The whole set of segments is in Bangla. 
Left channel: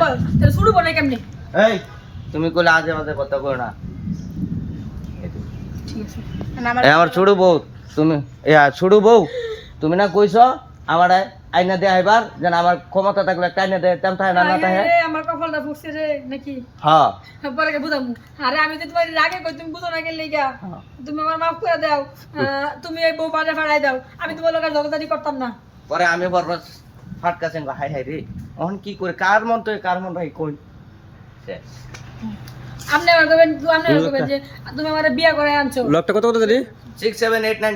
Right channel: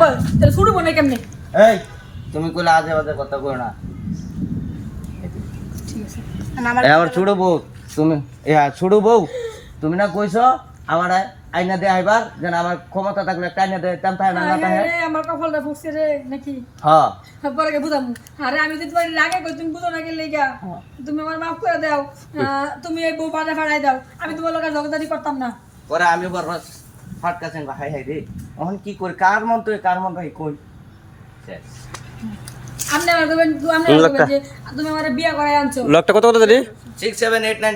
বল তো শুরু বনে কেমনে? এই তুমি কইলে আজে বাজে কথা কই না। ঠিক আছে। আমার ছোট বউ তুমি ছোট বউ তুমি না কইছো আমার আইনা দিয়ে আইবার যেন আমার ক্ষমতা থাকলে একটা আইনা দিয়ে তেমন থাকে না না থাকে আমার কপালটা রে নাকি? হ্যাঁ। পরে কে বুঝামু আরে আমি তো তোমার রাগে কই তুমি বুঝো না কে লেগা। হ্যাঁ। তুমি আমার মাফ করে দাও। তুমি এই বউ বাজে ফাড়াই দাও। আমি তোমার লোকের জগদারি করতাম না। পরে আমি বড় ফাটকাছেন হাই হাই রে। এখন কি করে? কার মন তো কার মন ভাই কই? আপনি আমার কইবেন তুই আপনি কইবেন যে তুমি আমার বিয়া করায় আনছো। লকটা কত কত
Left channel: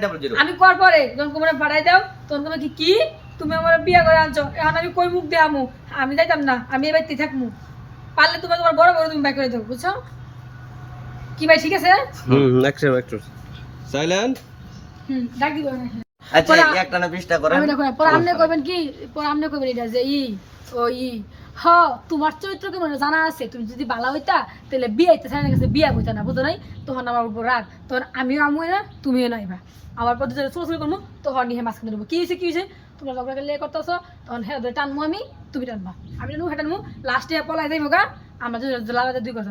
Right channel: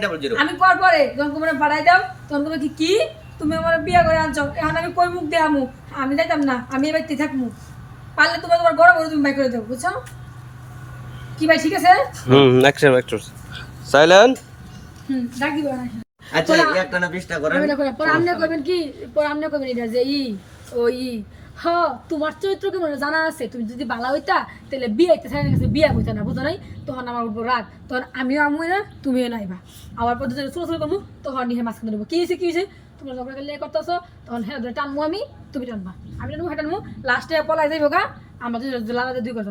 ডাবল জিরো আমি কর পরে যখন তোমার ফাড়াই দাও। তখন তুমি কি কি? তুমি আমার বিয়া করে আনছো। এখন আমি কই মুখ দেয়ামু আমি? যাইতাম না আমি এবার থাকমু। পারলে তোমার তোমার বড় বড় তুমি বাই করে দেবো বুঝছ? কি ভাই ঠিক আছে? হুম অ্যাকশন অ্যাক্টর সাইলেন্ট? হুম ডাক আচ্ছা একটা না বিশটা করেন। আমি না করে পরে আপনি করবেন কি পরে আপনি করবেন এটা যে ই ও ই হ, তোমার চরিত্র কেমন জানা আছে। তুমি যদি বালা হইতা, তাহলে বিয়ে হইতে স্যারের কাছে বিয়া হইতা না, বুঝো নাই? তখন আমার উপর রাগ। তখন আমিও আমু না তুমিও নাইবা। আমার পর যদি চুরি করব তখন নিয়ে মাঝখানে দেবো। কি হয়েছে কি হয়েছে তোমার লগ লে করতেছো, তখন হ্যাঁ টানবো আমি, তুমি টানবা। আমি টানবো হ্যাঁ টানবো লাস্টে পলাই যাইবো গা, আমরা লাগাতে দুই কথা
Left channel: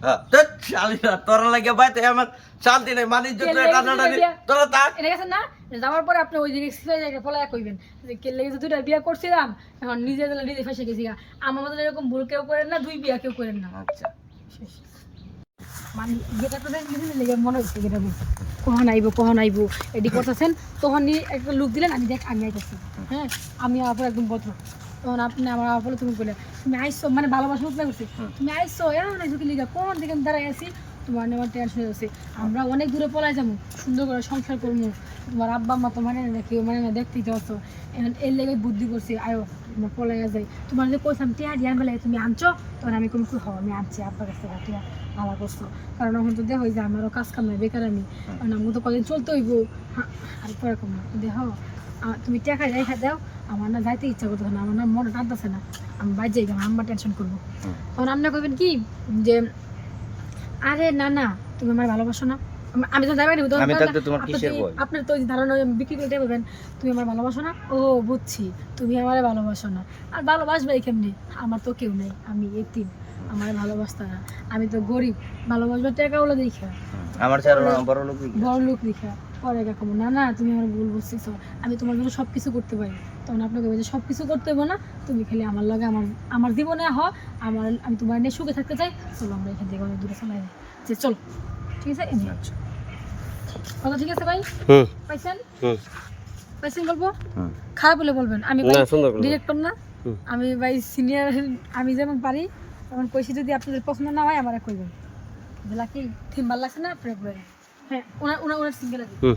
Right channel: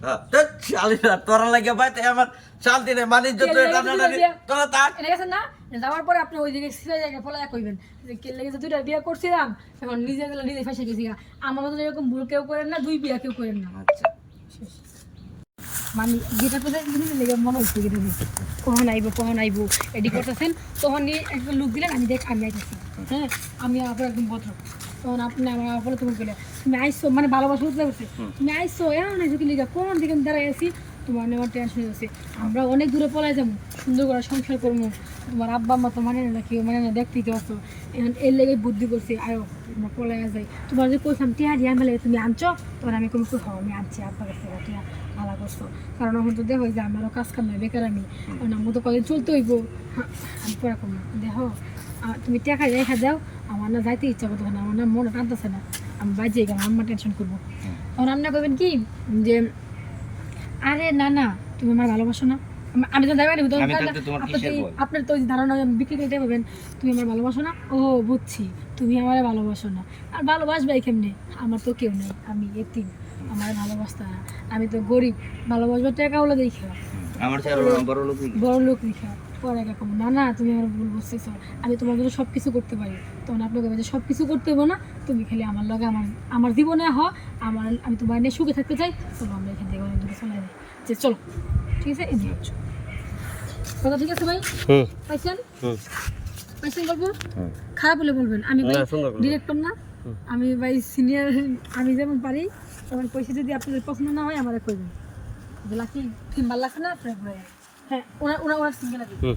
মুখা হ্যাঁ, ধ্যাৎ, তোরা লাগে বাইতে আমার শান্তি নেই মানে যত কে লেগে টানাটানি, দিলে বিয়া? তোরা থাক। এনে গেছেন না? যাওয়ার পরে আপনি ওই দিকে জায়গায় ফলাই কইবেন। যে কে লেগে যে দুইটা বিয়া করছিলাম এখন নিজে দিলে নিজে ফাঁসে গেছি আমার মতো এরকম ভুল কেউ করেন না দুই বিয়া কেউ করেন না। আচ্ছা। মানে যেটা তো মনে হচ্ছে যেটা কখন আইবো কখন আইবো এডি করতেছেন তখন নিয়ে একটা লুক দিলেন আমি দেখ আমি আইতেছি। হ্যাঁ আমি আপনার একদম ভদ্র। তখন আপনি আমার বলে তুমি বলে তুমি আইসো মানে ভালোবাসা উঠতে করছে তুমি আইসো এমন আইসো কি লিগা কোন দিকে আমি দাঁড়াই আছি? তোমার আমার টেনশন হচ্ছে আমরা অনেক দূরে পলাই যাব সুন্দর করে সংসার করব। তোমার আব্বা মা তো মানে না কেউ মানে না দেখতেই তো আসো। এখন এর লেগে বুদ্ধি করছি আয়ো আমরা পলাই যাই। তোমার যে কইসাম টিয়া দিয়ে আমি লাগে তুমি আনছো তখন আমি কোনো খুব আমি আনছি আব্বার কাছে টিয়া ভালো করছ। কারণ এখন তো দেখো যে আমারও কাজ কাম নেই বেকার আমি। কারণ আমাকে তো কদিন চলতে হইব। আমি পরে দেখো তুমি টাকা রেখা দাও আমার না যাইতে ইচ্ছা করতো না আমার না মনে টানতেছে না। আমি বাজে গেলাম আম্মা টেনশন করব। তখন রান্না করবেন কি যে আরে না না তুমি আমার ভালোবাসো না। আমি তো ভয়? আপনার তো ধারণা বিক্রি করতে পারবেন তুমি আমার ভালোবাসো না? ও বুঝছি তুমি আমার ভালোবাসো না। আর ভালোবাসবে কেমনি? আমার তো কেউ নেই আমি এতিম আমার ভালোবাসতে না। আমি তো গরিব ভালোবাসবার টাকা ওলা দেখা আমার বড় লোক বড় লোক দেখা পরে দেখা না না তুমি আমার ভুল বুঝতেছ। আমি তোমার জন্য সব কিছু করতে পারি। তখন আপনি বলবেন যে সব কিছু করতে হবে না। তুমি খালি আমার লগে আমার আমার জীবনে হ আমার আমি তোমার নিয়ে সুখে থাকতে চাই। চলো আমরা এখান থেকে অনেক দূরে চলে যে চলো। ঠিক আছে? এমনি কথা ঠিক আছে ভাই? পাইছেন? পাইছেন বলব? হুম। খারাপ হলে বলবেন। আমি না সুন্দর করে ডিরেক্টর না। আমি ভাই সিনিয়র আমি যেমন পারি তেমন কইছি যদি আপনাদের পছন্দ না হয় আমার কইবেন। বলা কি থিম ভালো লাগছে না আপনার? হ্যাঁ ওনার ওনার সিঙ্গেল হুম।